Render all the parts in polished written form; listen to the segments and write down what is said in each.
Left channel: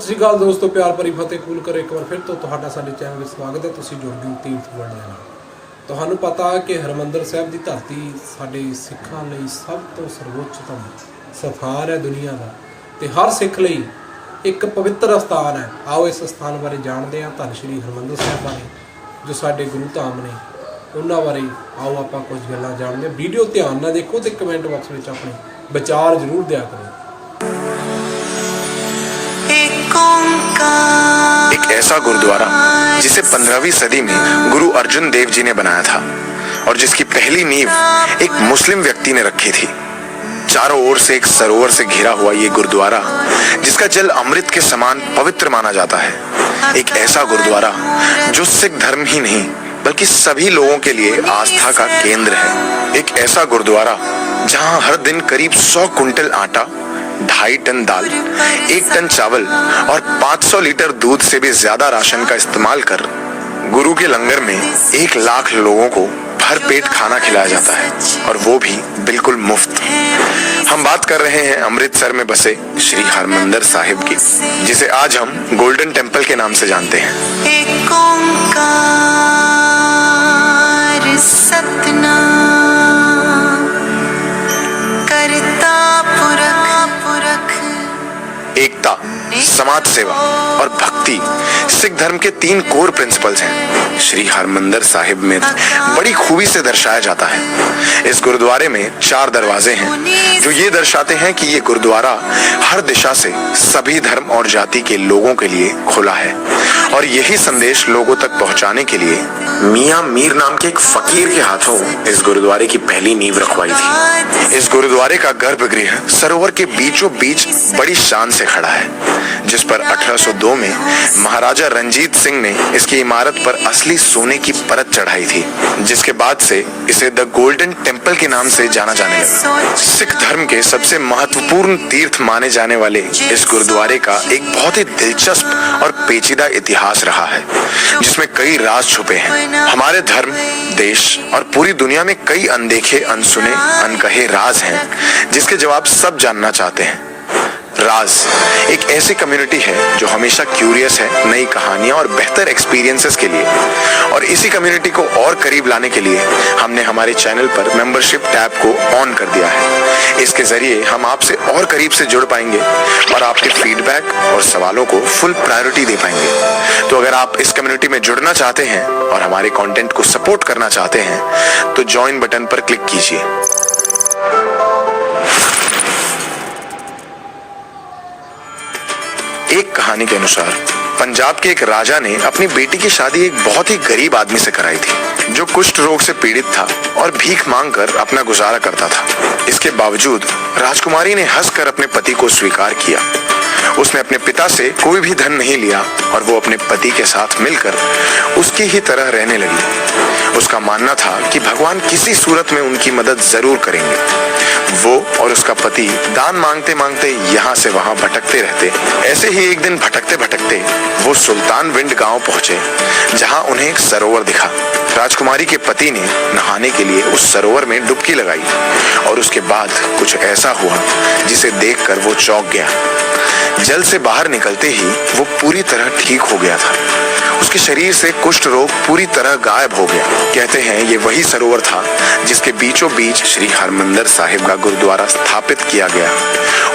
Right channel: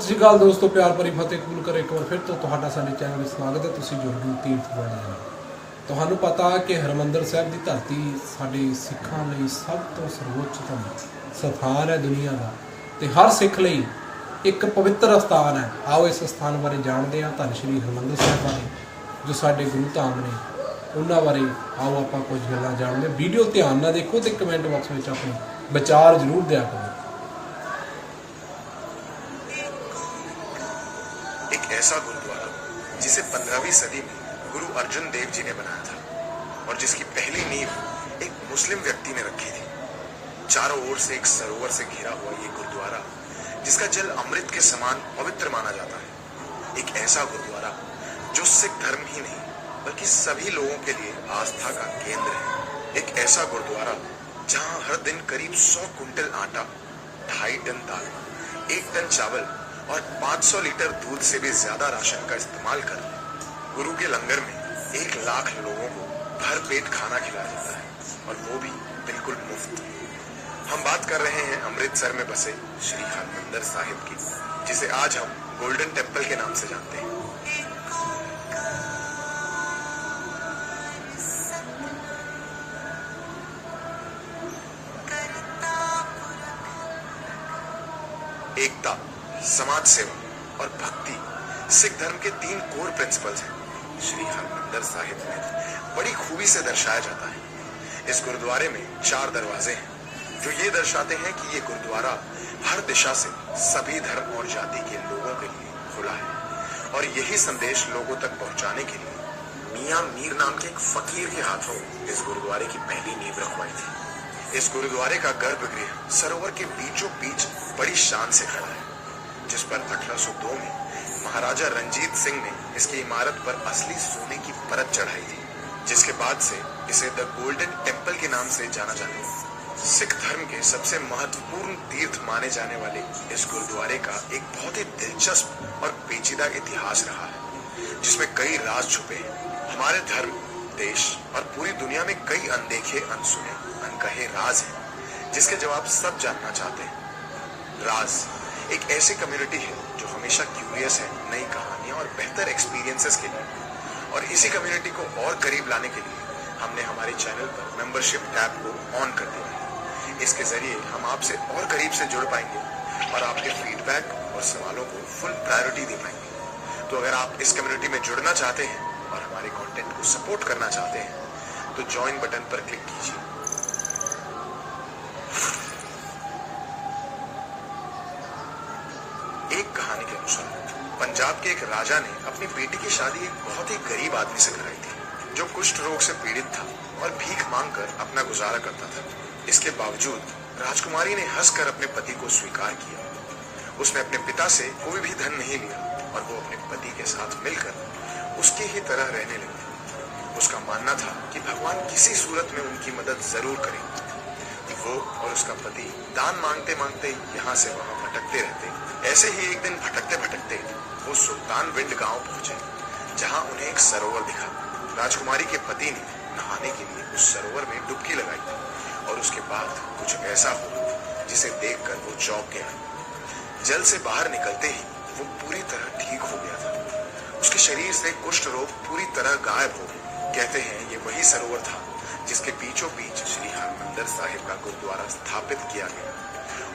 सत श्री अकाल दोस्तों, प्यार भरी फतेह कबूल करो। एक बार फिर तो तुहाडा साडे चैनल में स्वागत है। तुसीं जुड़ गए तीर्थ वर्णन नाल। तुहानूं पता कि हरमंदर साहिब की धरती साडे सिखां लई सब तो सर्वोच्चतम स्थान है दुनिया का, ते हर सिख लई एक पवित्र स्थान है। आओ इस स्थान बारे जानते हैं, धन श्री हरमंदर साहिब बारे जो साडे गुरु धाम ने उन्हां बारे आओ आपां कुछ गल्लां जानते हैं। वीडियो ध्यान नाल देखो ते कमेंट बॉक्स में अपने विचार जरूर दिया करो। एक ऐसा गुरुद्वारा जिसे 15वीं सदी में गुरु अर्जुन देव जी ने बनाया था और जिसकी पहली नींव एक मुस्लिम व्यक्ति ने रखी थी। चारों ओर से एक सरोवर से घिरा हुआ ये गुरुद्वारा, जिसका जल अमृत के समान पवित्र माना जाता है। एक ऐसा गुरुद्वारा जो सिख धर्म ही नहीं बल्कि सभी लोगों के लिए आस्था का केंद्र है। एक ऐसा गुरुद्वारा जहां हर दिन करीब 100 कुंटल आटा, 2.5 टन दाल, 1 टन चावल और 500 लीटर दूध से भी ज्यादा राशन का इस्तेमाल कर गुरु के लंगर में 1 लाख लोगों को भर पेट खाना खिलाया जाता है, और वो भी बिल्कुल मुफ्त। हम बात कर रहे हैं अमृतसर में बसे श्री हरमंदर साहिब की, जिसे आज हम गोल्डन टेम्पल के नाम से जानते हैं। एक ओंकार सतनाम करता पुरख एकता, समाज सेवा और भक्ति सिख धर्म के 3 कोर प्रिंसिपल्स हैं। श्री हरमंदर साहिब में बड़ी खूबी से दर्शाया जाता है। इस गुरुद्वारे में 4 दरवाजे हैं जो ये दर्शाते हैं कि ये गुरुद्वारा हर दिशा से सभी धर्म और जाति के लोगों के लिए खुला है, और यही संदेश लोगों तक पहुंचाने के लिए मियां मीर नाम के एक फकीर के हाथों इस गुरुद्वारे की पहली नींव रखवाई थी। इस गुरुद्वारे का गर्भगृह सरोवर के बीचों बीच बड़ी शान से खड़ा है, जिस पर 1802 में महाराजा रंजीत सिंह ने इसकी इमारत पर असली सोने की परत चढ़ाई थी, जिसके बाद से इसे द गोल्डन टेम्पल के नाम से जाना जाने लगा। सिख धर्म के सबसे महत्वपूर्ण तीर्थ माने जाने वाले इस गुरुद्वारे का एक बहुत ही दिलचस्प और पेचीदा इतिहास रहा है, जिसमें कई राज छुपे हैं। हमारे धर्म, देश और पूरी दुनिया में कई अनदेखे, अनसुने, अनकहे राज हैं, जिसके जवाब सब जानना चाहते हैं। राज एक ऐसी कम्युनिटी है जो हमेशा क्यूरियस है नई कहानियां और बेहतर एक्सपीरियंसेस के लिए, और इसी कम्युनिटी को और करीब लाने के लिए हमने हमारे चैनल पर मेंबरशिप टैब को ऑन कर दिया है। इसके जरिए हम आपसे और करीब से जुड़ पाएंगे और आपके फीडबैक और सवालों को फुल प्रायोरिटी दे पाएंगे। तो अगर आप इस कम्युनिटी में जुड़ना चाहते हैं और हमारे कंटेंट को सपोर्ट करना चाहते हैं तो ज्वाइन बटन पर क्लिक कीजिए। एक कहानी के अनुसार पंजाब के एक राजा ने अपनी बेटी की शादी एक बहुत ही गरीब आदमी से कराई थी, जो कुष्ठ रोग से पीड़ित था और भीख मांगकर अपना गुजारा करता था। इसके बावजूद राजकुमारी ने हंसकर अपने पति को स्वीकार किया। उसने अपने पिता से कोई भी धन नहीं लिया और वो अपने पति के साथ मिलकर उसकी ही तरह रहने लगी। उसका मानना था कि भगवान किसी सूरत में उनकी मदद जरूर करेंगे। वो और उसका पति दान मांगते मांगते यहाँ से वहाँ भटकते रहते। ऐसे ही एक दिन भटकते भटकते वो सुल्तान विंड गांव पहुंचे, जहाँ उन्हें एक सरोवर दिखा। राजकुमारी के पति ने नहाने के लिए उस सरोवर में डुबकी लगाई, और उसके बाद कुछ ऐसा हुआ जिसे देखकर वो चौंक गया। जल से बाहर निकलते ही वो पूरी तरह ठीक हो गया था। उसके शरीर से कुष्ठ रोग पूरी तरह गायब हो गया। कहते हैं ये वही सरोवर था जिसके बीचों बीच श्री हरमंदर साहिब का गुरुद्वारा स्थापित किया गया,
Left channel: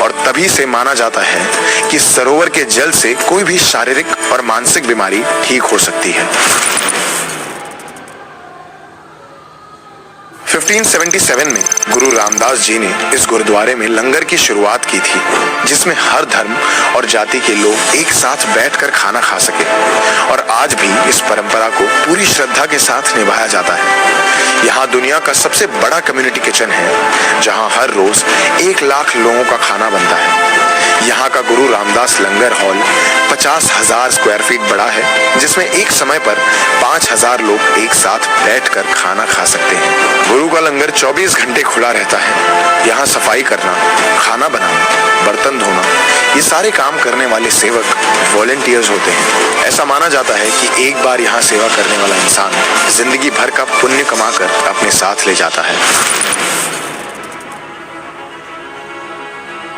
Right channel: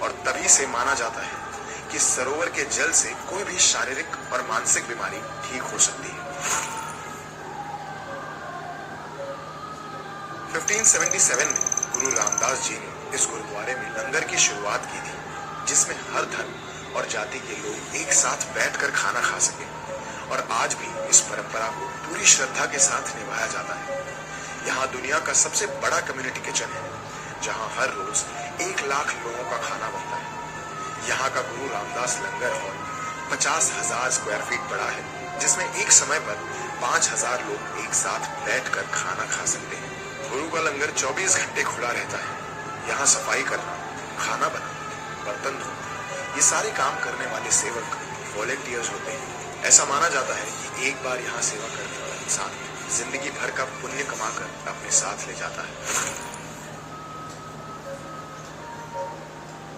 और तभी से माना जाता है कि सरोवर के जल से कोई भी शारीरिक और मानसिक बीमारी ठीक हो सकती है। 1577 में गुरु रामदास जी ने इस गुरुद्वारे में लंगर की शुरुआत की थी, जिसमें हर धर्म और जाति के लोग एक साथ बैठकर खाना खा सके, और आज भी इस परंपरा को पूरी श्रद्धा के साथ निभाया जाता है। यहाँ दुनिया का सबसे बड़ा कम्युनिटी किचन है, जहाँ हर रोज 1 लाख लोगों का खाना बनता है। यहाँ का गुरु रामदास लंगर हॉल 50,000 स्क्वायर फीट बड़ा है, जिसमें एक समय पर 5,000 लोग एक साथ बैठकर खाना खा सकते हैं। गुरु का लंगर 24 घंटे खुला रहता है। यहाँ सफाई करना, खाना बनाना, बर्तन धोना, ये सारे काम करने वाले सेवक वॉलंटियर्स होते हैं। ऐसा माना जाता है कि एक बार यहाँ सेवा करने वाला इंसान जिंदगी भर का पुण्य कमाकर अपने साथ ले जाता है।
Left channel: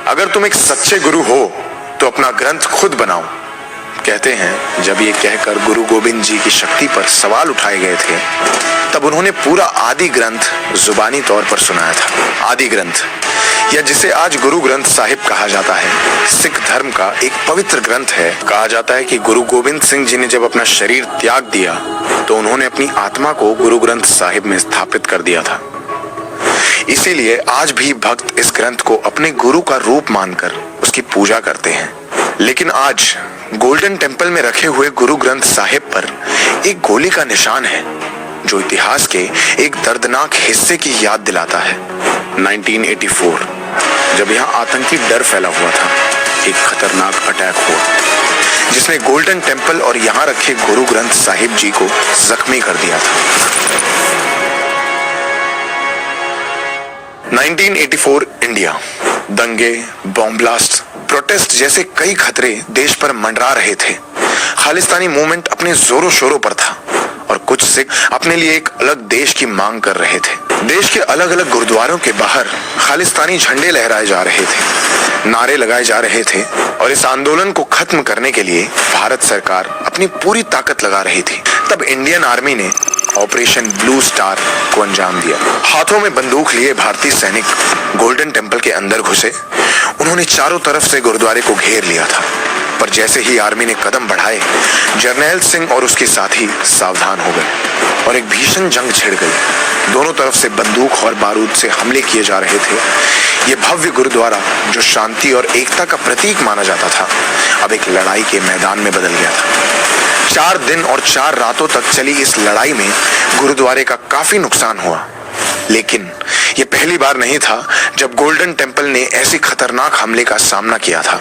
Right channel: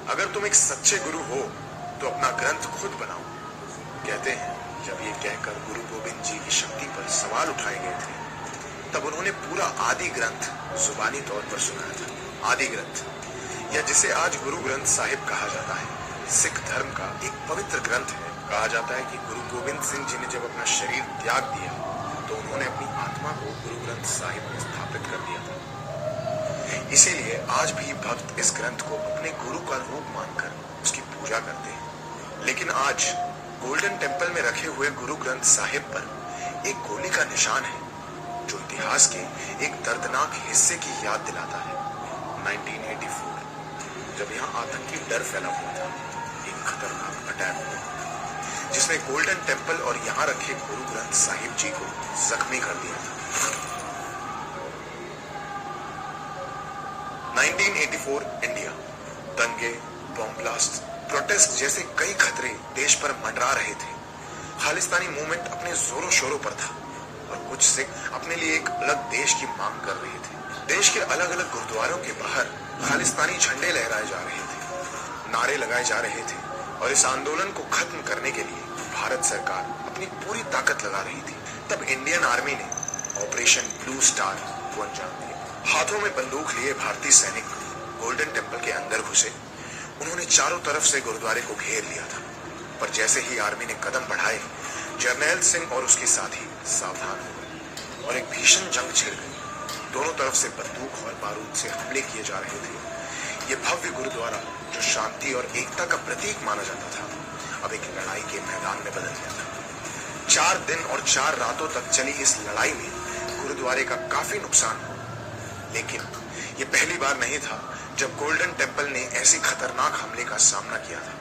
अगर तुम एक सच्चे गुरु हो तो अपना ग्रंथ खुद बनाओ। कहते हैं जब ये कहकर गुरु गोविंद जी की शक्ति पर सवाल उठाए गए थे, तब उन्होंने पूरा आदि ग्रंथ जुबानी तौर पर सुनाया था। आदि ग्रंथ, या जिसे आज गुरु ग्रंथ साहिब कहा जाता है, सिख धर्म का एक पवित्र ग्रंथ है। कहा जाता है कि गुरु गोविंद सिंह जी ने जब अपना शरीर त्याग दिया तो उन्होंने अपनी आत्मा को गुरु ग्रंथ साहिब में स्थापित कर दिया था। इसीलिए आज भी भक्त इस ग्रंथ को अपने गुरु का रूप मानकर उसकी पूजा करते हैं। लेकिन आज गोल्डन टेम्पल में रखे हुए गुरु ग्रंथ साहिब पर एक गोली का निशान है, जो इतिहास के एक दर्दनाक हिस्से की याद दिलाता है। 1984, जब यहाँ आतंकी डर फैला हुआ था, एक खतरनाक अटैक हुआ जिसने गोल्डन टेम्पल और यहाँ रखे गुरु ग्रंथ साहिब जी को जख्मी कर दिया था। 1984 इंडिया, दंगे, बॉम्ब ब्लास्ट, प्रोटेस्ट जैसे कई खतरे देश पर मंडरा रहे थे। खालिस्तानी मूवमेंट अपने जोरों शोरों पर था और कुछ सिख अपने लिए एक अलग देश की मांग कर रहे थे। देश के अलग अलग गुरुद्वारों के बाहर खालिस्तानी झंडे लहराए जा रहे थे, नारे लगाए जा रहे थे और इस आंदोलन को खत्म करने के लिए भारत सरकार अपनी पूरी ताकत लगा रही थी। तब इंडियन आर्मी ने ऑपरेशन ब्लू स्टार को अंजाम दिया। हाथों में बंदूक लिए भारतीय सैनिक गोल्डन टेम्पल के अंदर घुसे। उन्होंने चारों तरफ से गुरुद्वारे को घेर लिया था, पर जैसे ही आर्मी ने कदम बढ़ाए, जर्नैल सिंह और उसके साथी सावधान हो गए और एक भीषण जंग छिड़ गई। दोनों तरफ से बंदूक और बारूद से हमले किए जा रहे थे। ये भव्य गुरुद्वारा, जो शांति और एकता का प्रतीक माना जाता था, अब एक लड़ाई के मैदान में बदल गया था। 4 दिन और 4 रातों तक चली इस लड़ाई में गुरुद्वारे का काफी नुकसान हुआ। लेकिन ये पहली बार नहीं था जब गोल्डन टेम्पल ने ऐसी खतरनाक हमले का सामना किया था।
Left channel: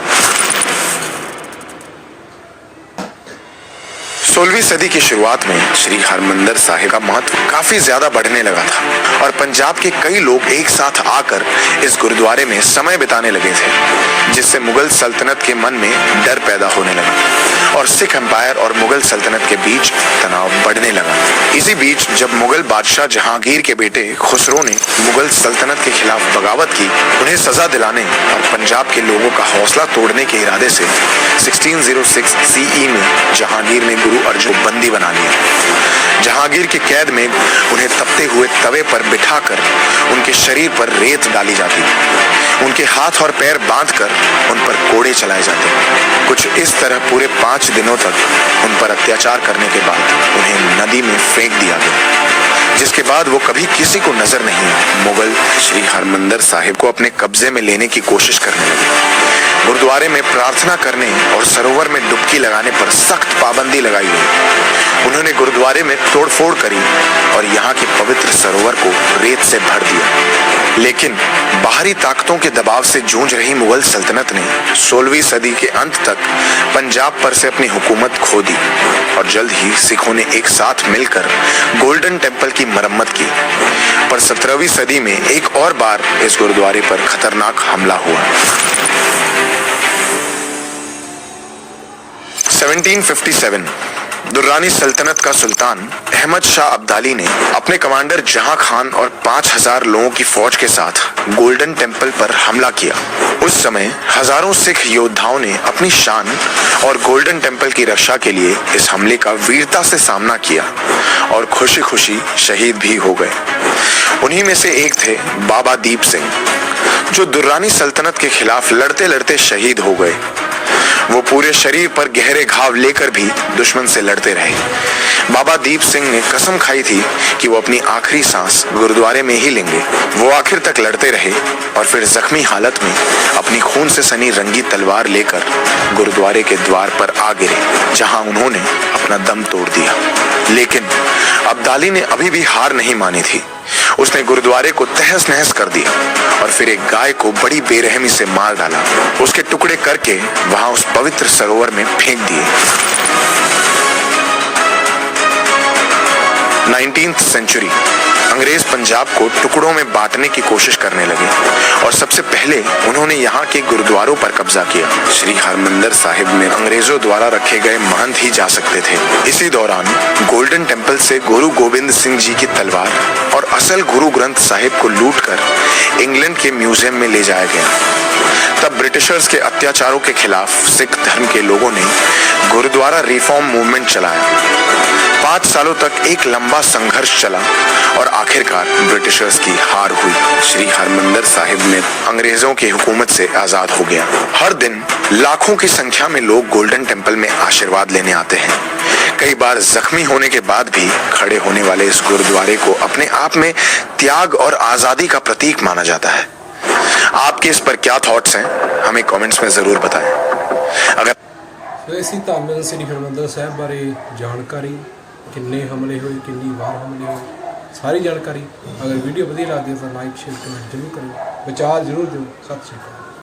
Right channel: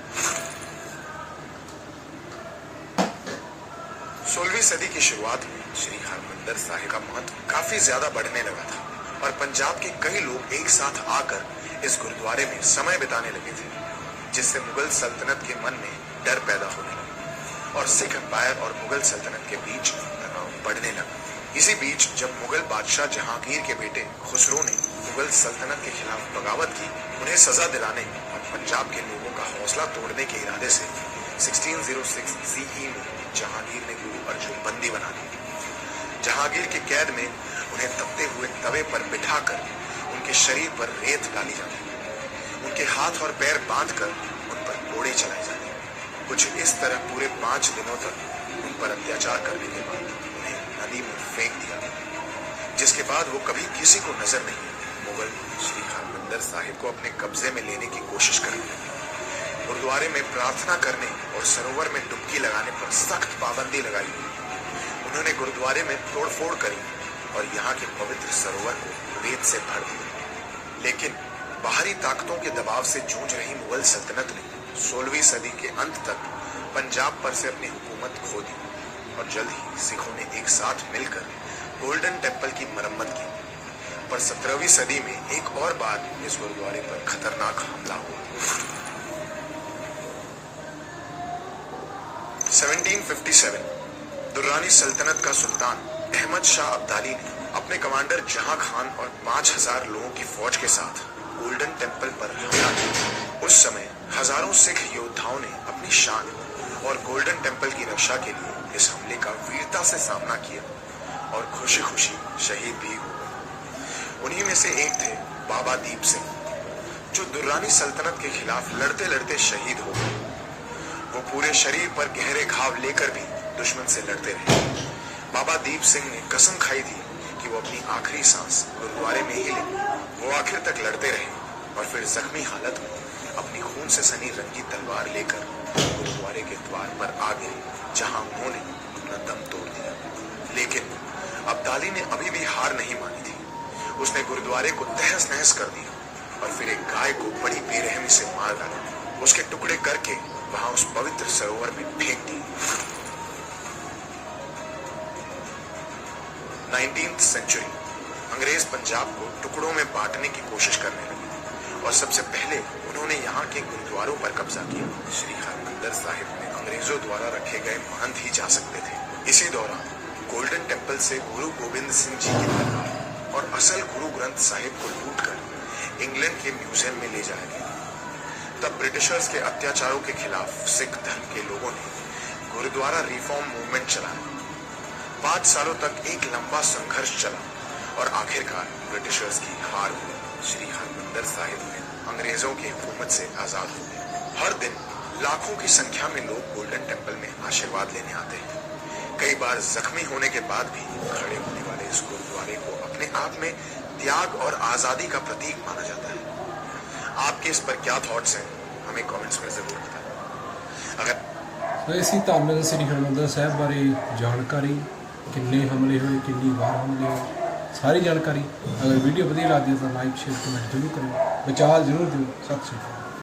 16वीं सदी की शुरुआत में श्री हरमंदिर साहिब का महत्व काफी ज्यादा बढ़ने लगा था और पंजाब के कई लोग एक साथ आकर इस गुरुद्वारे में समय बिताने लगे थे, जिससे मुगल सल्तनत के मन में डर पैदा होने लगा और सिख एम्पायर और मुगल सल्तनत के बीच तनाव बढ़ने लगा। इसी बीच जब मुगल बादशाह जहांगीर के बेटे खुसरो ने मुगल सल्तनत के खिलाफ बगावत की, उन्हें सजा दिलाने और पंजाब के लोगों का हौसला तोड़ने के इरादे से 1606 CE में जहांगीर ने गुरु अर्जुन को बंदी बना लिया। जहांगीर के कैद में उन्हें तपते हुए तवे पर बिठाकर उनके शरीर पर रेत डाली जाती, उनके हाथ और पैर बांधकर उन पर कोड़े चलाए जाते। कुछ इस तरह पूरे 5 दिनों तक उन पर अत्याचार करने के बाद उन्हें नदी में फेंक दिया गया, जिसके बाद वो कभी किसी को नजर नहीं आए। मुगल श्री हरमंदिर साहिब को अपने कब्जे में लेने की कोशिश करने लगे। गुरुद्वारे में प्रार्थना करने और सरोवर में डुबकी लगाने पर सख्त पाबंदी लगाई गई। उन्होंने गुरुद्वारे में तोड़फोड़ करी और यहाँ के पवित्र सरोवर को रेत से भर दिया। लेकिन बाहरी ताकतों के दबाव से जूझ रही मुगल सल्तनत ने 16वीं सदी के अंत तक पंजाब पर से अपनी हुकूमत खो दी और जल्द ही सिखों ने एक साथ मिलकर गोल्डन टेम्पल की मरम्मत की। पर 17वीं सदी में एक और बार इस गुरुद्वारे पर खतरनाक हमला हुआ। 1757 दुर्रानी सल्तनत का सुल्तान अहमद शाह अब्दाली ने अपने कमांडर जहां खान और 5000 लोगों की फौज के साथ गोल्डन टेम्पल पर हमला किया। उस समय हजारों सिख योद्धाओं ने अपनी शान और गोल्डन टेम्पल की रक्षा के लिए इस हमले का वीरता से सामना किया और खुशी खुशी शहीद भी हो गए। उन्हीं में से एक थे बाबा दीप सिंह, जो दुर्रानी सल्तनत के खिलाफ लड़ते लड़ते शहीद हो गए। वो पूरे शरीर पर गहरे घाव लेकर भी दुश्मन से लड़ते रहे। बाबा दीप सिंह ने कसम खाई थी कि वो अपनी आखिरी सांस गुरुद्वारे में ही लेंगे। वो आखिर तक लड़ते रहे और फिर जख्मी हालत में अपनी खून से सनी रंगी तलवार लेकर गुरुद्वारे के द्वार पर आ गिरे, जहां उन्होंने अपना दम तोड़ दिया। लेकिन अब्दाली ने अभी भी हार नहीं मानी थी। उसने गुरुद्वारे को तहस नहस कर दिया और फिर एक गाय को बड़ी बेरहमी से मार डाला। उसके टुकड़े करके वहां उस पवित्र सरोवर में फेंक दिए। 19th सेंचुरी अंग्रेज पंजाब को टुकड़ों में बांटने की कोशिश करने लगे और सबसे पहले उन्होंने यहाँ के गुरुद्वारों पर कब्जा किया। श्री हरमंदिर साहिब में अंग्रेजों द्वारा रखे गए महंत ही जा सकते थे। इसी दौरान गोल्डन टेम्पल से गुरु गोविंद सिंह जी की तलवार और असल गुरु ग्रंथ साहिब को लूटकर इंग्लैंड के म्यूजियम में ले जाया गया। तब ब्रिटिशर्स के अत्याचारों के खिलाफ सिख धर्म के लोगों ने गुरुद्वारा रिफॉर्म मूवमेंट चलाया। 5 सालों तक एक लंबा संघर्ष चला और आखिरकार ब्रिटिशर्स की हार हुई। श्री हरमंदिर साहिब में अंग्रेजों की हुकूमत से आजाद हो गया। हर दिन लाखों की संख्या में लोग गोल्डन टेम्पल में आशीर्वाद लेने आते हैं। कई बार जख्मी होने के बाद भी खड़े होने वाले इस गुरुद्वारे को अपने आप में त्याग और आजादी का प्रतीक माना जाता है। आपके इस पर क्या थॉट्स हैं, हमें कमेंट्स में जरूर बताएं। अगर इसी ਧੰਨ ਸ੍ਰੀ ਹਰਿਮੰਦਰ ਸਾਹਿਬ ਬਾਰੇ ਜਾਣਕਾਰੀ, ਕਿੰਨੇ ਹਮਲੇ ਹੋਏ, ਕਿੰਨੀ ਵਾਰ ਹਮਲੇ ਹੋਏ, ਸਾਰੀ ਜਾਣਕਾਰੀ। ਅਗਰ ਵੀਡੀਓ ਵਧੀਆ ਲੱਗਦੀ ਹੈ ਤਾਂ ਲਾਈਕ ਸ਼ੇਅਰ ਕਮੈਂਟ ਜ਼ਰੂਰ ਕਰਿਓ, ਵਿਚਾਰ ਜ਼ਰੂਰ ਦਿਓ। ਸਤਿ ਸ਼੍ਰੀ ਅਕਾਲ।